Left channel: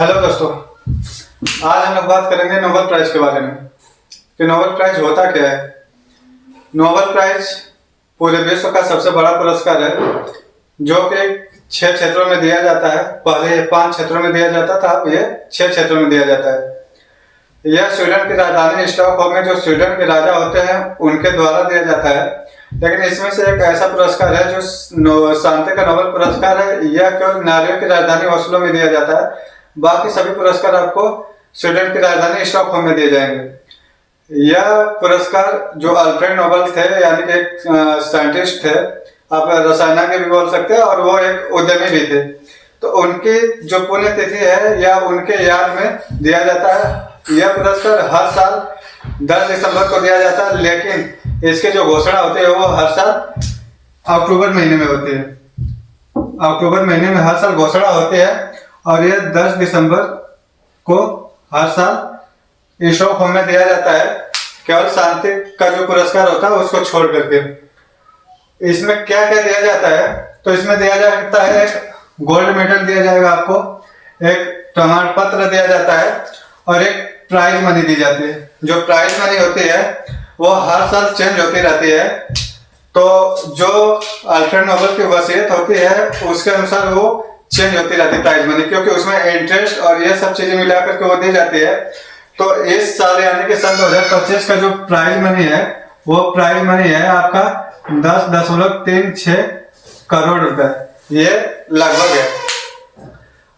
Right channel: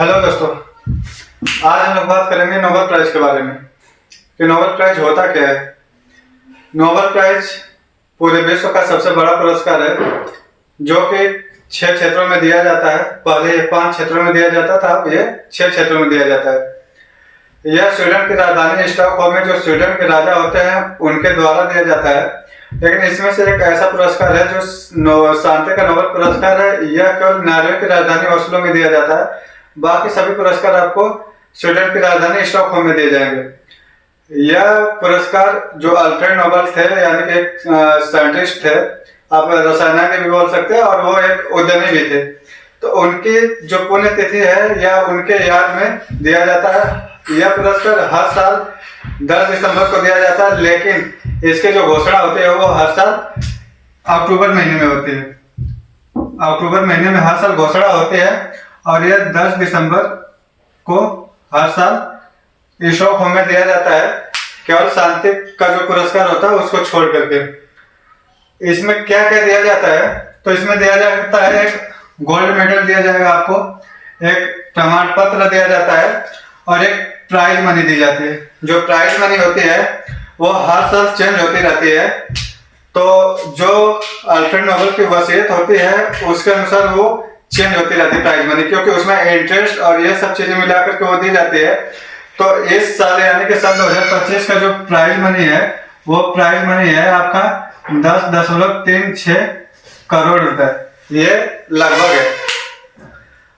Hello दोस्तों, आज हम लोग बात करेंगे नोबेल प्राइज के बारे में कि नोबेल प्राइज होता क्या है। नोबेल प्राइज पूरे विश्व का सबसे बड़ा पुरस्कार है जो कि 6 क्षेत्रों में दिया जाता है। पहले ये 5 क्षेत्रों में दिया जाता था, अब ये 6 क्षेत्रों में दिया जाता है। यह स्वीडन की राजधानी स्टॉकहोम में जो स्वीडन के राजा होते हैं उनके द्वारा दिया जाता है। लेकिन इसमें से एक ऐसा पुरस्कार है जो शांति का नोबेल पुरस्कार है। यह केवल नॉर्वे की राजधानी ओस्लो में दिया जाता है। बाकी सभी पुरस्कार आपको स्वीडन की राजधानी स्टॉकहोम में दिए जाएंगे। यह पुरस्कार जो अल्फ्रेड नोबेल थे, यानी कि एक साइंटिस्ट थे, आप रसायन के भी बोल सकते हैं, और वो एक उद्यमी भी थे, तो उनकी जो पुण्यतिथि है या उनके याद में दिया जाता है। यह पुरस्कार हर साल 10 दिसंबर को दिया जाता है, लेकिन इसकी जो घोषणा होती है वो हर साल अक्टूबर महीने में होती है। अक्टूबर महीने में हर साल घोषणा होती है और यह 10 दिसंबर को हर साल स्टॉकहोम में दिया जाता है, केवल शांति का जो पुरस्कार होता है उसको छोड़ करके। इसमें क्या क्या दिया जाता है, तो इसमें दिया जाता है एक गोल्ड मेडल दिया जाएगा आपको, एक प्रमाण पत्र दिया जाता है और एक प्राइज मनी दी जाती है। जो प्राइज मनी होती है वो हर साल चेंज होती रहती है। तो जो अल्फ्रेड नोबेल की वसीयत होती है उसके अनुसार वो चेंज होती रहती है प्राइज मनी, क्योंकि उसमें इंटरेस्ट और ये सब चीजें मिलाकर के वो दी जाती है। तो इस साल यानी कि सन 2025 का जो प्राइज मनी है वो प्राइज मनी है आपका 10.36 करोड़ रुपए, ये लगभग है।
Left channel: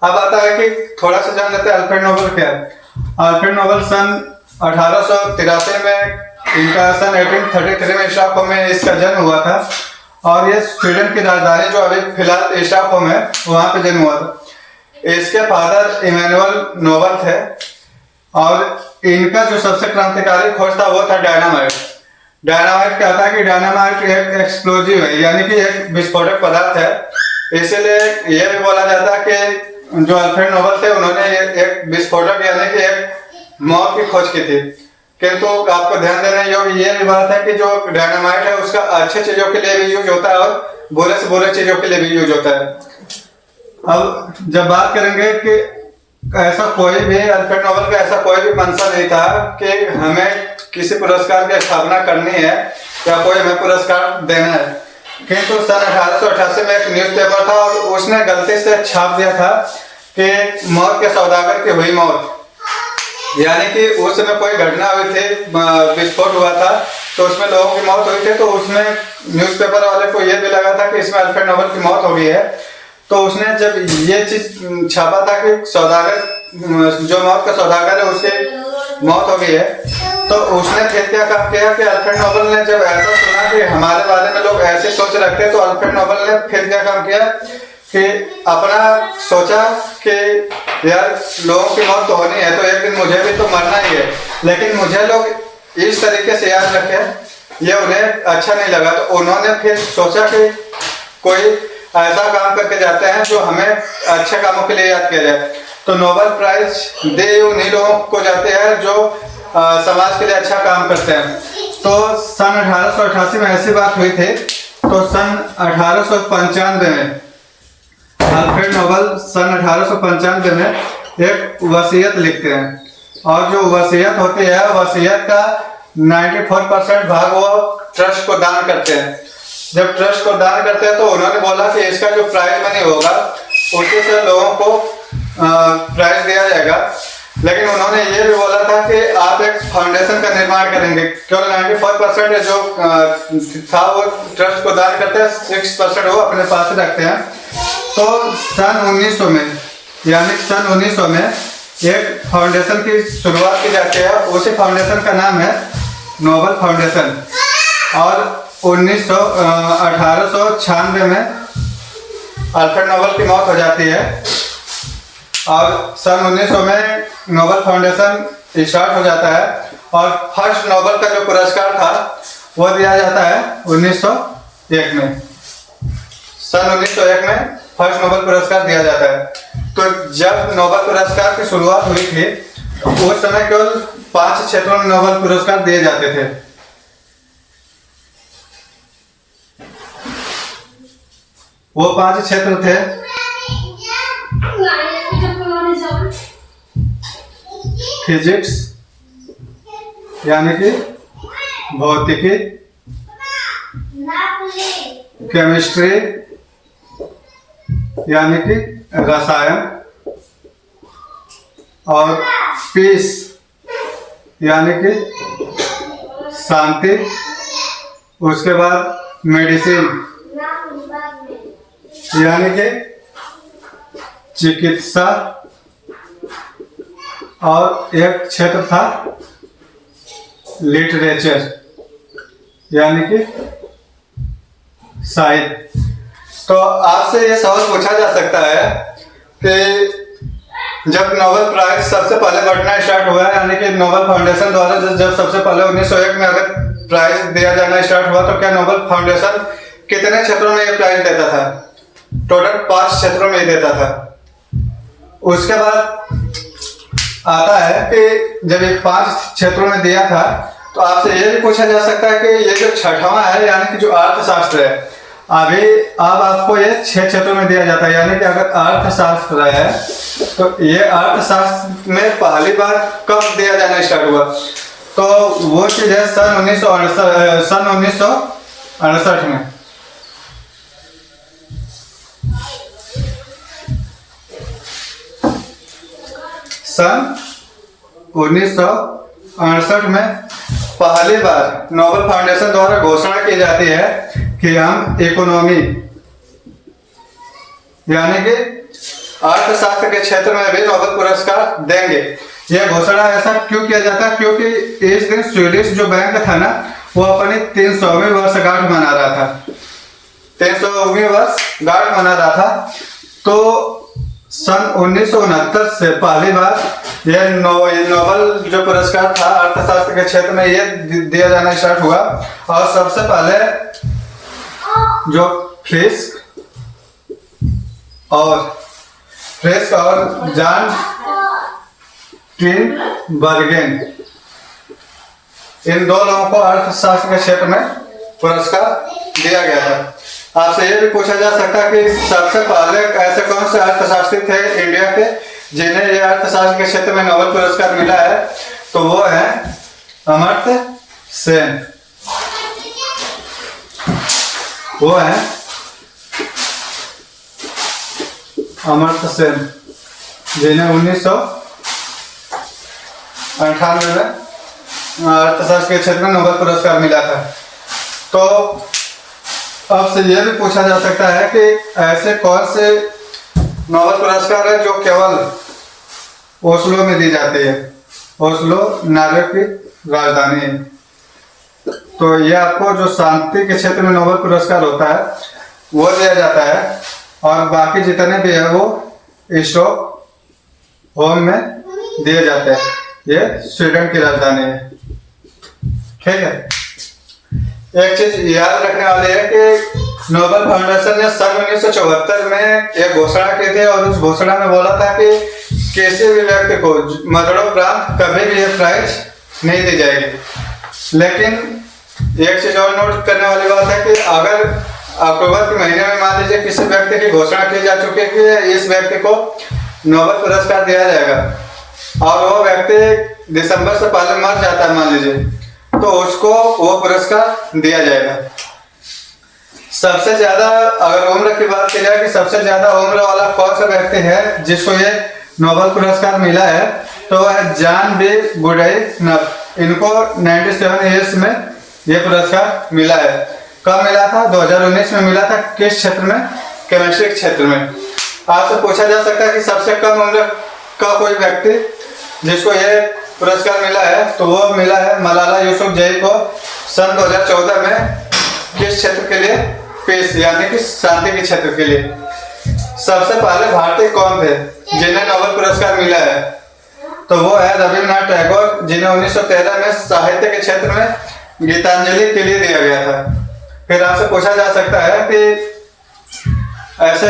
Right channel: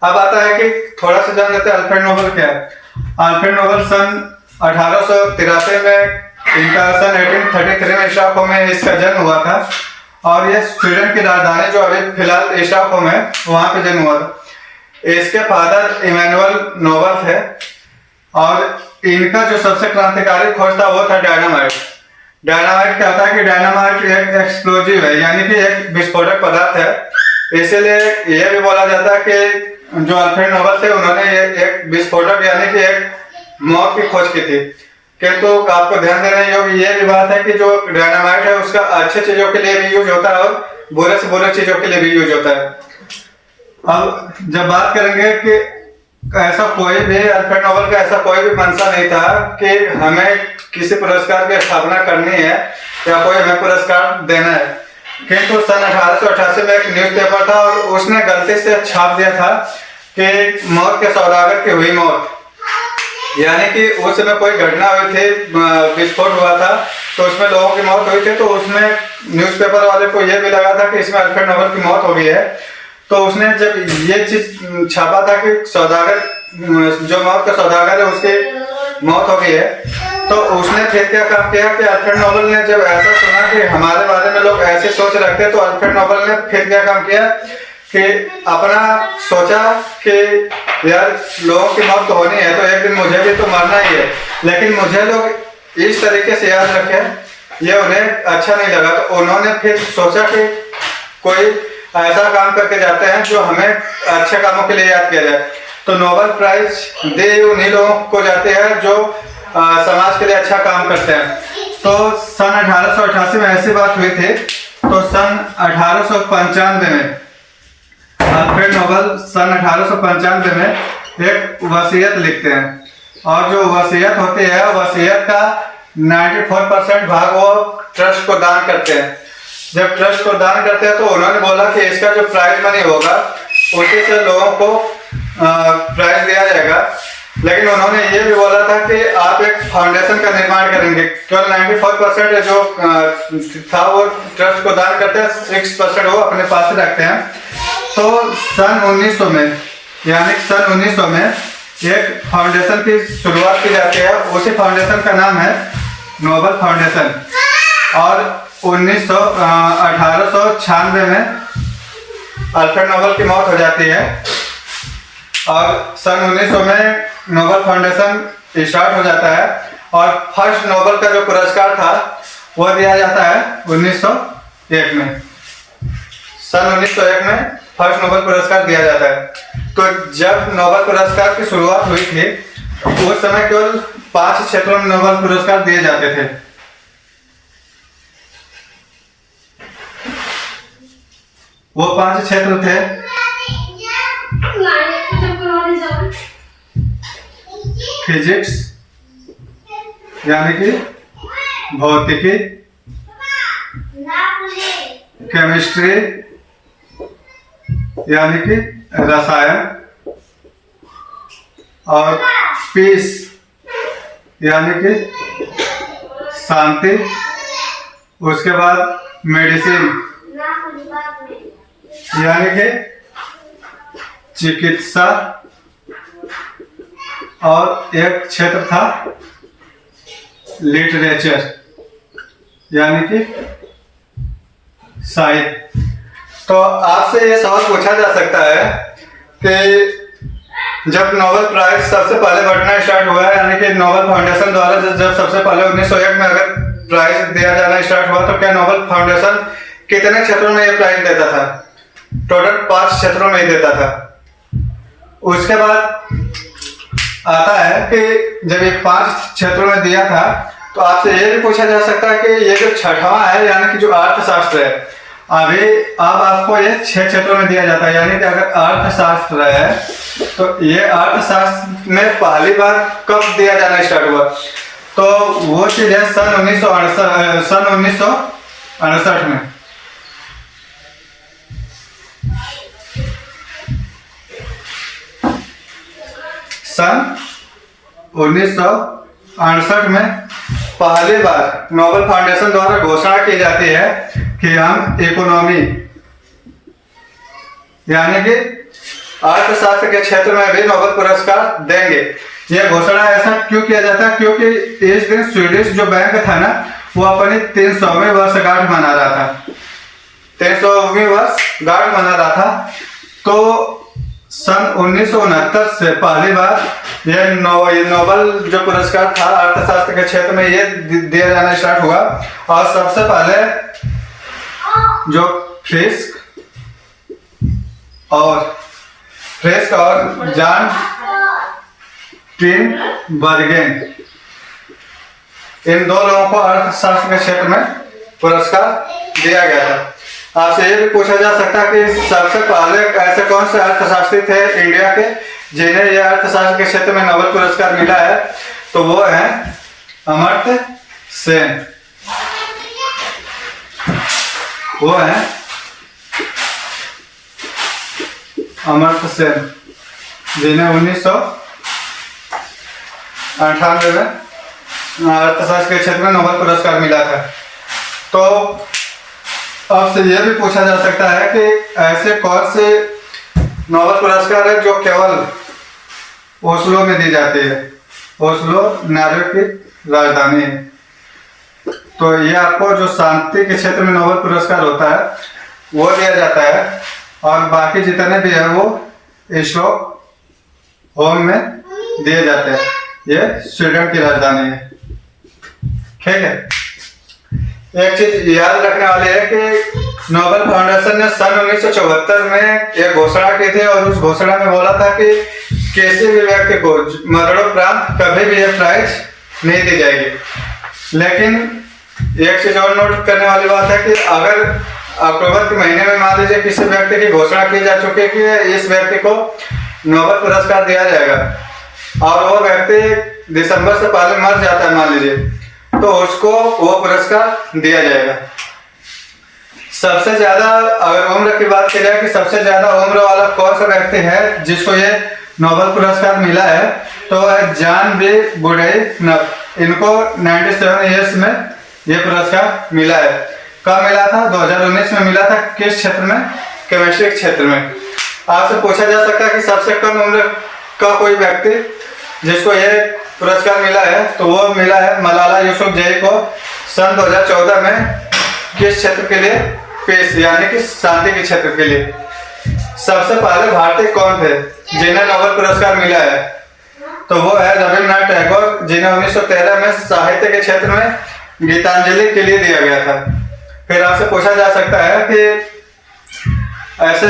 अब आता है कि थोड़ा सा जान लेते हैं अल्फ्रेड नोबेल क्या है। अल्फ्रेड नोबेल सन 1883 में, इनका सन 1833 में स्टॉकहोम में इसका जन्म हुआ था, और ये स्वीडन की राजधानी जो अभी फिलहाल स्टॉकहोम है वहां पे जन्म हुआ था। इसके फादर इमैनुअल नोबेल थे, और इनका जो सबसे क्रांतिकारी खोज था वो था डायनामाइट। डायनामाइट क्या होता है कि डायनामाइट एक एक्सप्लोजिव है, यानी कि एक विस्फोटक पदार्थ है। इसीलिए यह भी बोला जाता है कि जो अल्फ्रेड नोबेल थे उन्होंने ये एक विस्फोटक यानी कि एक मौत की खोज की थी। किंतु आपको ध्यान देने योग्य ये भी बात है कि जो डायनामाइट है उसका अच्छे चीजों के लिए भी यूज होता है और बुरे से बुरे चीजों के लिए भी यूज होता है। अब जब बात करेंगे कि ऐसा कोई भी अल्फ्रेड नोबेल का ऐसा कोई भी मंशा नहीं था कि हमें किसी पुरस्कार की स्थापना करनी है या कोई हमें पुरस्कार देना है। किंतु सन 1888 में एक न्यूज़पेपर था और उसने गलती से छाप दिया था कि मौत के सौदागर की हुई मौत, यानी कि उस समय कोई घटना हुई थी, विस्फोट हुआ था, तो उसमें लोगों की मौत हुई थी। तो उसमें न्यूज़पेपर वाले को यह भी लगा था कि इसमें अल्फ्रेड नोबेल की मौत हो गई है। तो उसने जब ये चीज छापा था कि सौदागर, जो मौत का सौदागर है उसकी मौत हो गई है, तो उसने फिर क्या काम किया कि अल्फ्रेड नोबेल ने जब ऐसा सुना कि हमारे बारे में लोग ऐसे सोच रखते हैं, तो अल्फ्रेड नोबेल ने फिर क्या काम किया कि अपना सोचा कि यार लोगों की मौत तो होनी है, तो एक दिन मुझे भी तो मरना ही है, लेकिन मुझे लोग इस तरीके से याद रखें, ये उन्हें अच्छा नहीं लगा। तो उन्होंने फिर सोचा कि कोई ऐसा काम करके जाते हैं जो हमें अच्छे कामों के लिए याद किया जाए। तो नोबेल प्राइज दे उन्हीं लोगों को जाते हैं जो समाज के लिए अच्छा काम करते हैं। तो सन 1888 में ऐसी बात हुई थी। तो सन 1895 में अल्फ्रेड नोबेल सन 1895 में एक वसीयत लिखते हैं, और जो वसीयत होती है वसीयत का 94% भाग वो ट्रस्ट को दान करते हैं। जब ट्रस्ट को दान करते हैं तो उन्होंने बोला कि इसका जो प्राइज मनी होगा उसी से लोगों को प्राइज दिया जाएगा। लेकिन उन्होंने ये भी बोला था कि आप एक फाउंडेशन का निर्माण करेंगे। केवल 94% जो था वो ट्रस्ट को दान करते हैं, 6% वो अपने पास रखते हैं। तो सन 1900 में, यानी सन 1900 में एक फाउंडेशन की शुरुआत की जाती है। उसी फाउंडेशन का नाम है नोबेल फाउंडेशन, और 1896 में अल्फ्रेड नोबेल की मौत हो जाती है, और सन 1900 में नोबेल फाउंडेशन स्टार्ट हो जाता है। और फर्स्ट नोबेल का जो पुरस्कार था वो दिया जाता है 1901 में। सन 1901 में फर्स्ट नोबेल पुरस्कार दिया जाता है। तो जब नोबेल पुरस्कार की शुरुआत हुई थी उस समय केवल 5 क्षेत्रों में नोबेल पुरस्कार दिए जाते थे। वो 5 क्षेत्र थे फिजिक्स यानी कि भौतिकी, केमिस्ट्री यानी कि रसायन, और पीस यानी कि शांति। उसके बाद मेडिसिन यानी कि चिकित्सा, और एक क्षेत्र था लिटरेचर यानी कि साहित्य। तो आपसे ये सवाल पूछा जा सकता है कि जब नोबेल प्राइज सबसे पहले बढ़ना स्टार्ट हुआ है, यानी कि नोबेल फाउंडेशन द्वारा जब सबसे पहले 1901 में अगर प्राइज दिया जाना स्टार्ट हुआ, तो क्या नोबेल फाउंडेशन कितने क्षेत्रों में ये प्राइज देता था? टोटल 5 क्षेत्रों में ही देता था। उसके बाद आता है कि जब ये 5 क्षेत्रों में दिया था, तो आपसे ये भी पूछा जा सकता है कि ये जो छठवां है यानी कि जो अर्थशास्त्र है, अब आपको ये 6 क्षेत्रों में दिया जाता है। यानी कि अगर अर्थशास्त्र है तो ये अर्थशास्त्र में पहली बार कब दिया जाना स्टार्ट हुआ? तो वो चीज है सन 1968 में। सन 1968 में पहली बार नोबेल फाउंडेशन द्वारा घोषणा की जाती है कि हम इकोनॉमी यानी कि अर्थशास्त्र के क्षेत्र में भी नोबेल पुरस्कार देंगे। यह घोषणा ऐसा क्यों किया जाता है? क्योंकि इस दिन स्वीडिश जो बैंक था ना, वो अपनी 300वीं वर्षगांठ मना रहा था। 300वीं वर्षगांठ मना रहा था। तो सन 1969 से पहली बार ये नोबेल जो पुरस्कार था अर्थशास्त्र के क्षेत्र में ये दिया जाना स्टार्ट हुआ। और सबसे पहले जो फ्रिस्क और जॉन टिनबर्गेन, इन 2 लोगों को अर्थशास्त्र के क्षेत्र में पुरस्कार दिया गया था। आपसे ये भी पूछा जा सकता है कि सबसे पहले ऐसे कौन से अर्थशास्त्री थे इंडिया के जिन्हें यह अर्थशास्त्र के क्षेत्र में नोबेल पुरस्कार मिला है? तो वो है अमर्त्य सेन। वो है अमर्त्य सेन, जिन्हें 1998 में अर्थशास्त्र के क्षेत्र में नोबेल पुरस्कार मिला था। तो आपसे यह भी पूछा जा सकता है कि ऐसे कौन से नोबेल पुरस्कार है जो केवल ओस्लो में दी जाती है? ओस्लो नॉर्वे की राजधानी है। तो ये आपको जो शांति के क्षेत्र में नोबेल पुरस्कार होता है वो दिया जाता है, और बाकी जितने भी है वो स्टॉकहोम में दिए जाते हैं। ये स्वीडन की राजधानी है। ठीक है। एक चीज याद रखने वाली है कि नोबेल फाउंडेशन ने सन 1974 में एक घोषणा की थी, और उस घोषणा में बोला था कि किसी भी व्यक्ति को मरणोपरांत कभी भी यह प्राइज नहीं दी जाएगी। लेकिन एक चीज और नोट करने वाली बात है कि अगर अक्टूबर के महीने में मान लीजिए किसी व्यक्ति की घोषणा की जा चुकी है कि इस व्यक्ति को नोबेल पुरस्कार दिया जाएगा, और वो व्यक्ति दिसंबर से पहले मर जाता है मान लीजिए, तो उसको वो पुरस्कार दिया जाएगा। सबसे ज्यादा अगर उम्र की बात की जाए कि सबसे ज्यादा उम्र वाला कौन सा व्यक्ति है जिसको ये नोबेल पुरस्कार मिला है, तो वह जॉन बी बुडेनफ। इनको 97 ईयर्स में ये पुरस्कार मिला है। कब मिला था? 2019 में मिला था। किस क्षेत्र में? केमिस्ट्री क्षेत्र में। आपसे पूछा जा सकता है कि सबसे कम उम्र का कोई व्यक्ति जिसको ये पुरस्कार मिला है, तो वो मिला है मलाला यूसुफजई को सन 2014 में। किस क्षेत्र के लिए? पीस यानी कि शांति के क्षेत्र के लिए। सबसे पहले भारतीय कौन थे जिन्हें नोबेल पुरस्कार मिला है? तो वो है रविन्द्रनाथ टैगोर, जिन्हें 1913 में साहित्य के क्षेत्र में गीतांजलि के लिए दिया गया था। फिर आपसे पूछा जा सकता है कि ऐसे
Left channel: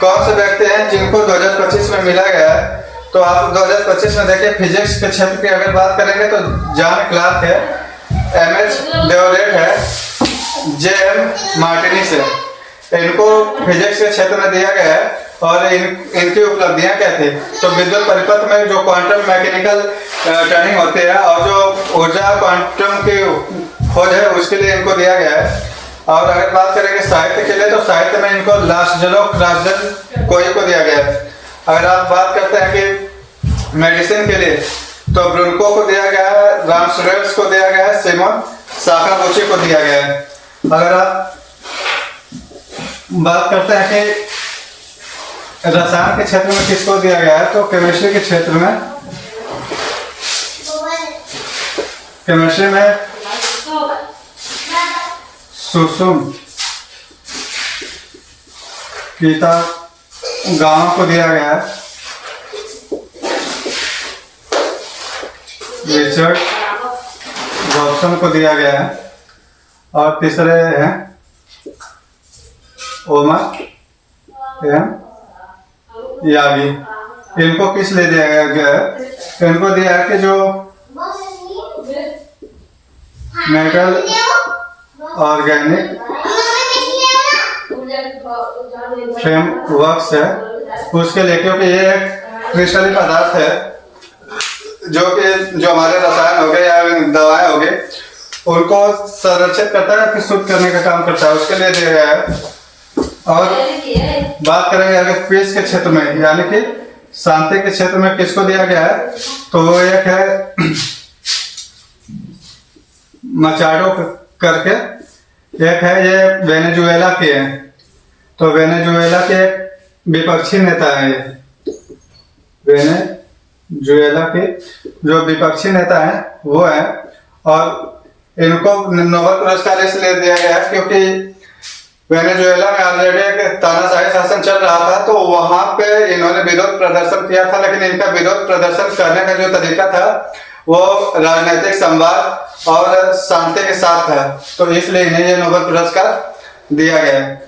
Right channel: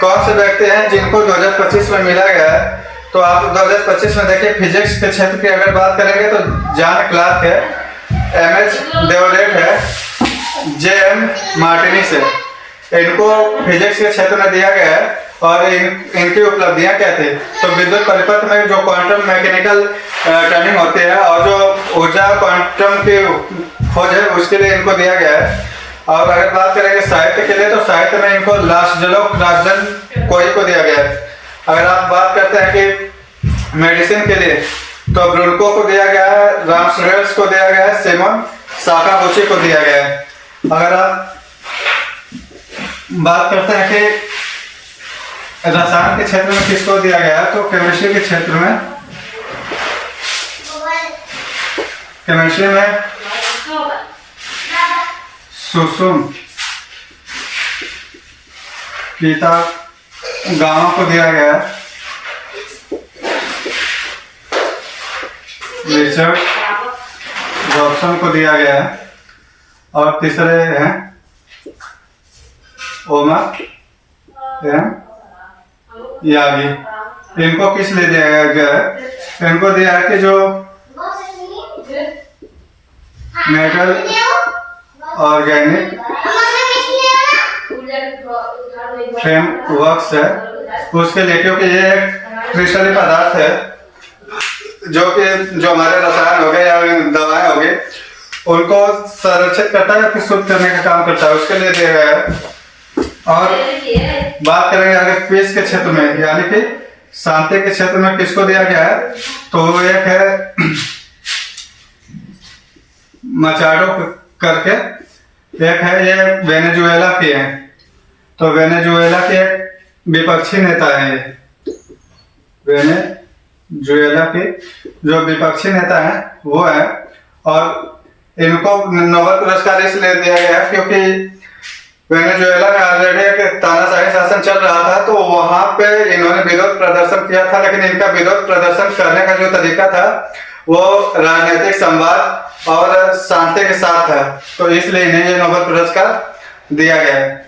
कौन से व्यक्ति हैं जिनको 2025 में मिला गया है? तो आप 2025 में देखिए फिजिक्स के क्षेत्र की अगर बात करेंगे तो जॉन क्लार्क है, एमएच डेवरेट है, जेएम मार्टिनी से। इनको फिजिक्स के क्षेत्र में दिया गया है। और इनकी उपलब्धियां क्या थी। तो विद्युत परिपथ में जो क्वांटम मैकेनिकल टर्निंग होती है और जो ऊर्जा क्वांटम की खोज है उसके लिए इनको दिया गया है। और अगर बात करेंगे साहित्य के लिए, तो साहित्य में इनको राजन कोई को दिया गया है। अगर आप बात करते हैं कि मेडिसिन के लिए, तो ब्रुनको को दिया गया है, रामसरेल्स को दिया गया है, सिमोन साकागुची को दिया गया है। अगर आप बात करते हैं कि रसायन के क्षेत्र में किसको दिया गया है, तो केमिस्ट्री के क्षेत्र में, केमिस्ट्री में सुसुम कीटागावा को दिया गया है। रिचर्ड रॉबसन को दिया गया है। और तीसरे हैं ओमर यागी। इनको किस लिए दिया गया है? इनको दिया है कि जो मेटल ऑर्गेनिक फ्रेम वर्क्स है उसके लिए, क्योंकि ये एक क्रिस्टलीय पदार्थ है जो कि जो हमारे रसायन हो गए या दवाएं हो गई उनको संरक्षित करता है या फिर शुद्ध करने का काम करता है, उसके लिए दिया गया है। और बात करेंगे अगर क्विज के क्षेत्र में, यानी कि शांति के क्षेत्र में किसको दिया गया है, तो वो एक है मचाडो करके, एक है ये वेनेजुएला के हैं। तो वेनेजुएला के विपक्षी नेता हैं ये, वेनेजुएला के जो विपक्षी नेता हैं वो है। और इनको नोबेल पुरस्कार इसलिए दिया गया है क्योंकि वेनेजुएला में ऑलरेडी एक तानाशाही शासन चल रहा था, तो वहां पे इन्होंने विरोध प्रदर्शन किया था, लेकिन इनका विरोध प्रदर्शन करने का जो तरीका था वो राजनीतिक संवाद और शांति के साथ था, तो इसलिए इन्हें ये नोबेल पुरस्कार दिया गया है।